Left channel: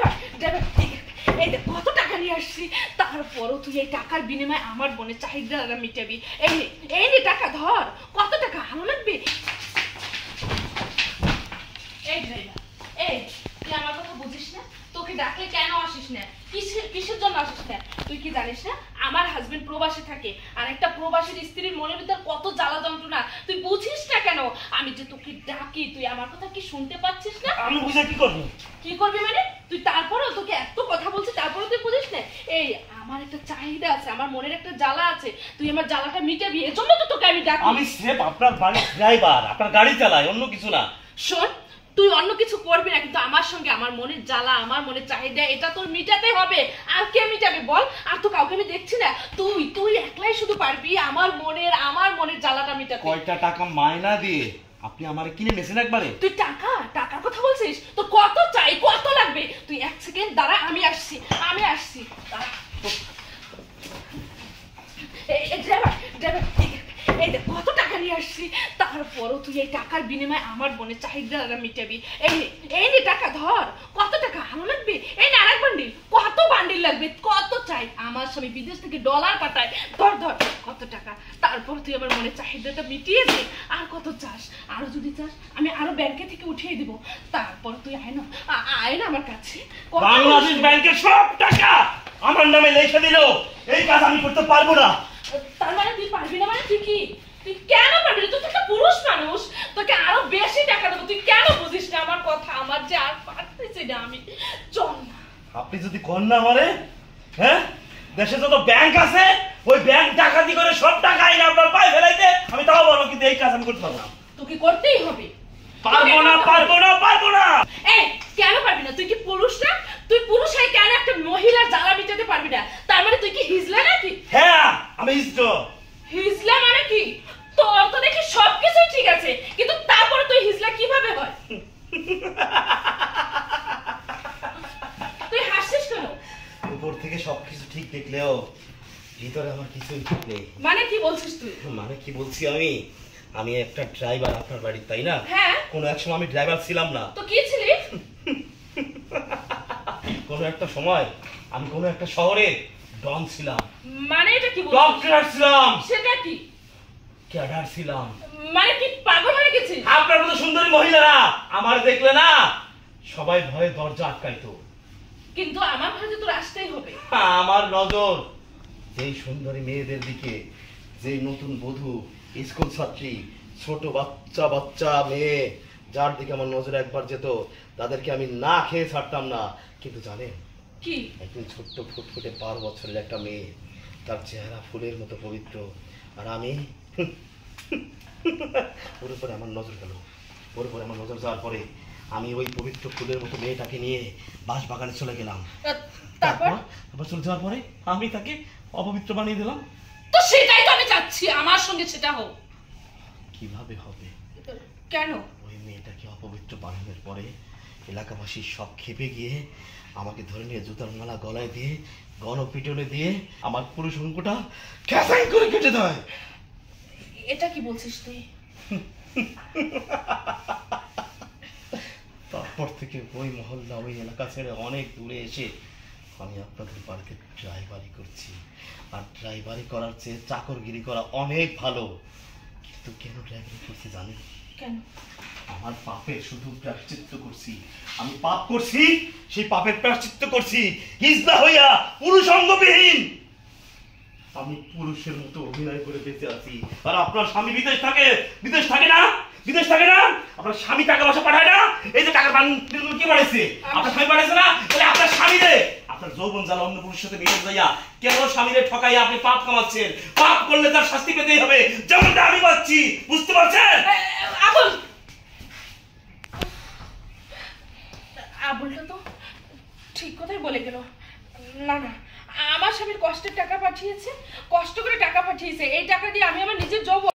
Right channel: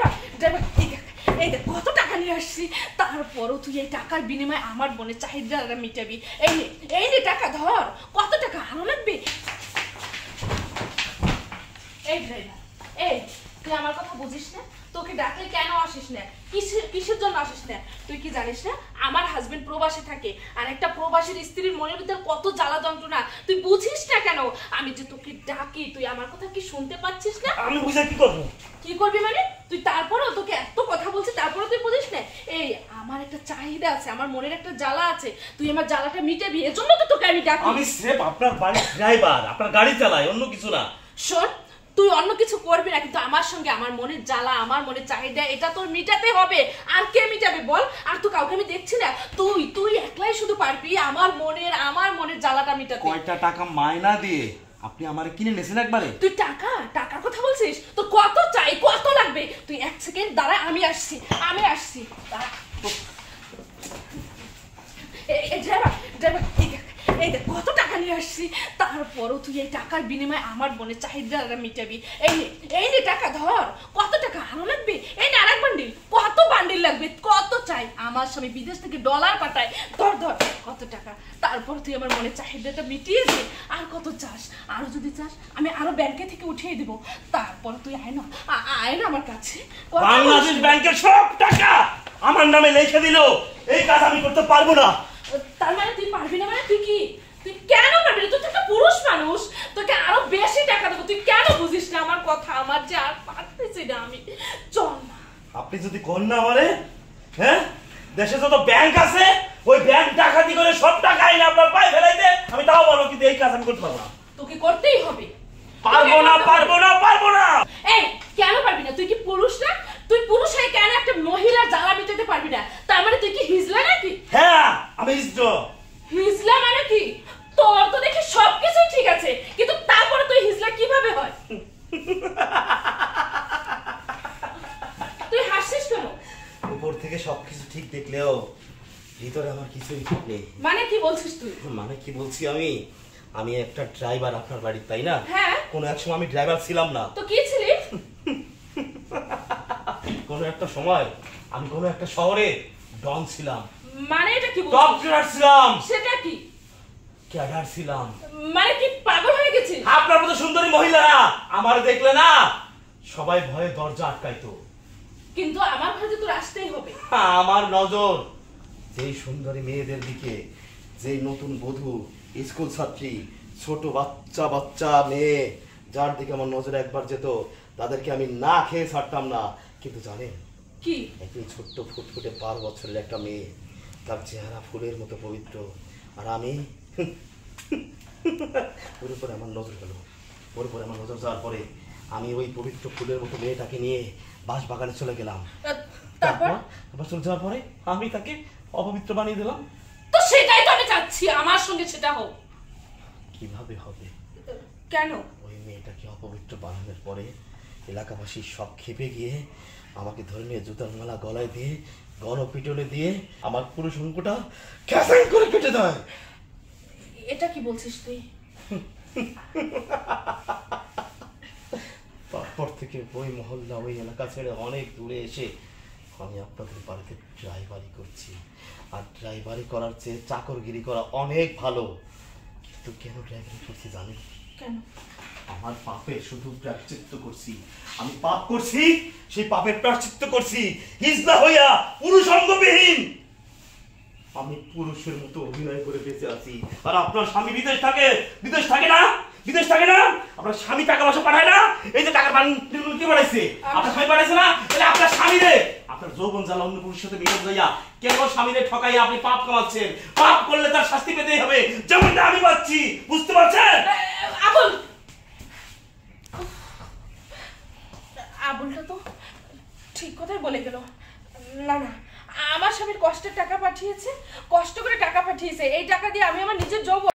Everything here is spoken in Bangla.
ড্রাইভার ড্রাইভার এই দেখ কত টাকা নিয়ে আসছি, তারপরও তুই এই টাকার বিনিময়ে আমার বোনের চাহিদা মিটাবি। এই নে টাকা ধর, কত টাকা আরো লাগবে। এই ড্রাইভার, এই তুই আমার কথা বুঝিস না? তোকে ডাকলে কেন আসিস না? কিসের জন্য আসিস না? তুই কি জানিস না আমার হাজবেন্ড প্রবাসে থাকে, আর একটা প্রবাসীর স্ত্রীর মনের ভিতর কত জ্বালা যন্ত্রণা তুই বুঝিস না কেন? আমি যে তোকে ডাকি তুই আমার কথা কি শুনতে পাচ্ছিস না? আমি বুঝে কি করব? কি করবি মানে? তুই তারপরও তোকে এত কথা বলছিস তারপরও তুই বুঝিস না? এই আমার একটা চাহিদা আছে, আমার মনের একটা জ্বালা আছে, তুই আমার জ্বালাটা মিটাবি, এজন্য তো তোকে আমি ডাকি। আমি স্রেফ আপনার বাড়ির ড্রাইভার, আপনার গাড়ি চালাই, অন্য কিছু না। শোন, তুই অন্য কিছু করবি না, কিন্তু আমার সঙ্গে আমার মনের জ্বালা, আমার মনের চাহিদা এটা তোর মিটাতে হবে। আর কে মিটাবে বল? আর তো কাউকে আমি দেখছি না। তুই একলাই শুধু পারবি আমার মনের জ্বালাটা মিটাতে। কয়টা টাকা মাইনা দিয়ে আপনি আমারে কিনে নিয়েছেন একবারে? তুই টাকার কথা বলছিস? তোর কত চাই, কত লাগবে? তুই এক সেকেন্ড দাঁড়া, আমি আসছি। ড্রাইভার এই দেখ কত টাকা নিয়ে আসছি, তারপরও তুই এই টাকার বিনিময়ে আমার বোনের চাহিদা মিটাবি। এই নে টাকা ধর, কত টাকা আরো লাগবে? এই না আরেক বান্ডিল, কত বান্ডিল লাগবে, কত চাই? আমার স্বামী বিদেশ থেকে ডলার পাঠায়, ধর কত টাকা, তারপর তুই আমার মনের চাহিদাটা মিটিয়ে দে। আর কত চাস? আরো যদি চাস আমি আরো ব্যাংকে থেকে উঠিয়ে দিব, তারপর তুই আয় না আমার কাছে। বাংলাদেশ ব্যাংকের সব টাকা আমার নামে লিখে দিল, এই কাজ আমি করতে পারবো না। তার মানে তুই পারবি না? মানে তুই কেন পারবি না? তুই একটা পুরুষ মানুষ, তোকে আরো বেশি টাকা দেবো, তুই কেন বুঝিস না আমার কথা? আমার যে আর পারতেছি না আমি। চল না। আপনি যদি কর না আমারে, হ্যাঁ, দেশে যত ব্যাংক আছে ওই ব্যাংক ডাকাতি করে সব টাকা এনে আপনার পায়ে ফেলাইতে আমি তাও বলবো, কিন্তু এই কাজ আমি করতে পারবো না। তোকে করতেই হবে। পারবো না। এই কেন পারবি না? তুই কি পুরুষ না? তুই পুরুষ হয়ে কেন একটা মহিলার জ্বালা মিটাতে পারবি না? তার মানে তুই কি হিজলা নাকি? হ্যাঁ আমি হিজলা মানে কি? তোর তো দেখি সবকিছু ঠিক আছে, কিন্তু তারপরে তুই হিজলা কিভাবে হয়? তুই হাসছিস কেন? উপর থেকে সবকিছু ঠিক দেখলেও ভিতরে আমার কিছুই ঠিক নেই। মানে কি বলছিস তুই? মানে কি বলছি আমি একটা ড্রাইভার আপনার বাড়ির, তাই না? হ্যাঁ। কোনো এক সময় আমি ড্রাইভার ছিলাম না। তো কি ছিলি? কোনো একটা সময় আমি কোনো একটা শহরে ডন ছিলাম। মানে এটা কি বলছিস? ডক্টর ছিলাম। সেটা কি? ক্যাডার ছিলাম। মানে কি পাগল হয়ে গেছিস? আপনার মতো সুন্দরী মহিলারা আমার দেখলে না সবাই ভয়ে দরজা আটকাইতো, কিন্তু আমার ঘরে তোর আসতেই হবে। আমার নজর যেই সুন্দরী মেয়েদের দিকে, যেই নতুন বধূ, স্কুল ছাত্রী, ছোট বাচ্চা মেয়ে, যার দিকে আমার নজর একবার যেত তাদেরকে আমি না খেয়ে ছাড়তাম না। কিন্তু জানেন কি? একদিন ছোট্ট ফুটফুটে 5 বছরের একটা মেয়ে, তার চেহারা ফুলের মতো পবিত্র, আর আমি ওর উপরে আমার নজর গেল। ওর উপরে আমার নজর যাওয়ার পরে আমি ওই পবিত্র ফুলের মতো মেয়েটাকে নিয়ে বাঁশ বাগানে চলে গেলাম। তারপর চলে যাওয়ার পরে আমি তাকে অপবিত্র বানিয়ে দিলাম। তো সেটাই তো আমি চাচ্ছি, আমার সঙ্গে সেটা হোক। কিভাবে হবে? কেন? ওই মেয়েটাকে অপবিত্র বানানোর পরে এলাকাবাসী সব খেপে গিয়ে আমাকে ধরে নিয়ে জুতার মালা গলায় দিয়ে গণপিটনে দিয়ে আমার পুরুষ অঙ্গটা ক্যাসাং করে কেটে দেয়। এটা কি বলছিস তুই? তারপর থেকে ওই মহল্লা, ওই এলাকা ছেড়ে অনেক দূরে এসে আমি আপনাদের বাড়িতে ড্রাইভারি করছি। আর ড্রাইভারি করার চেয়ে চাকরগিরি করা অনেক ভালো। কিন্তু কেন ড্রাইভারি করছি জানেন? কেন? আমার পাপের শুধু প্রায়শ্চিত্ত করছি। আমি পাপ করছি, সেই পাপের প্রায়শ্চিত্ত করছি হিজলা হইয়া, পুরুষ অঙ্গবিহীন। আমি পুরুষের মতো অভিনয় করে বেঁচে আছি। আর আপনার স্বামী বিদেশ থাকে না? আপনার স্বামী টাকা পয়সা পাঠায় না? এই যে টাকার বান্ডিলগুলো কি পাঠাইছে? আপনার স্বামী পাঠাইছে না? তাহলে আপনার স্বামীরে, আপনার যৌবন জ্বালা অন্য পুরুষের সাথে মিলে যাইয়া কেন স্বামীরে ঠকাইয়া আপনি পাপ কামাচ্ছেন? পাপ করলে তার শাস্তি পেতেই হবে, যেমনটা আমি পাচ্ছি। বুঝতে পারছেন? আবুলটা তো ঠিক কথাই বলে গেল। না আমার স্বামীর কষ্টের টাকা পাঠিয়েছে, কষ্ট করে টাকা পাঠিয়েছে, এই টাকা দিয়ে আমি আমার নিজের যৌবন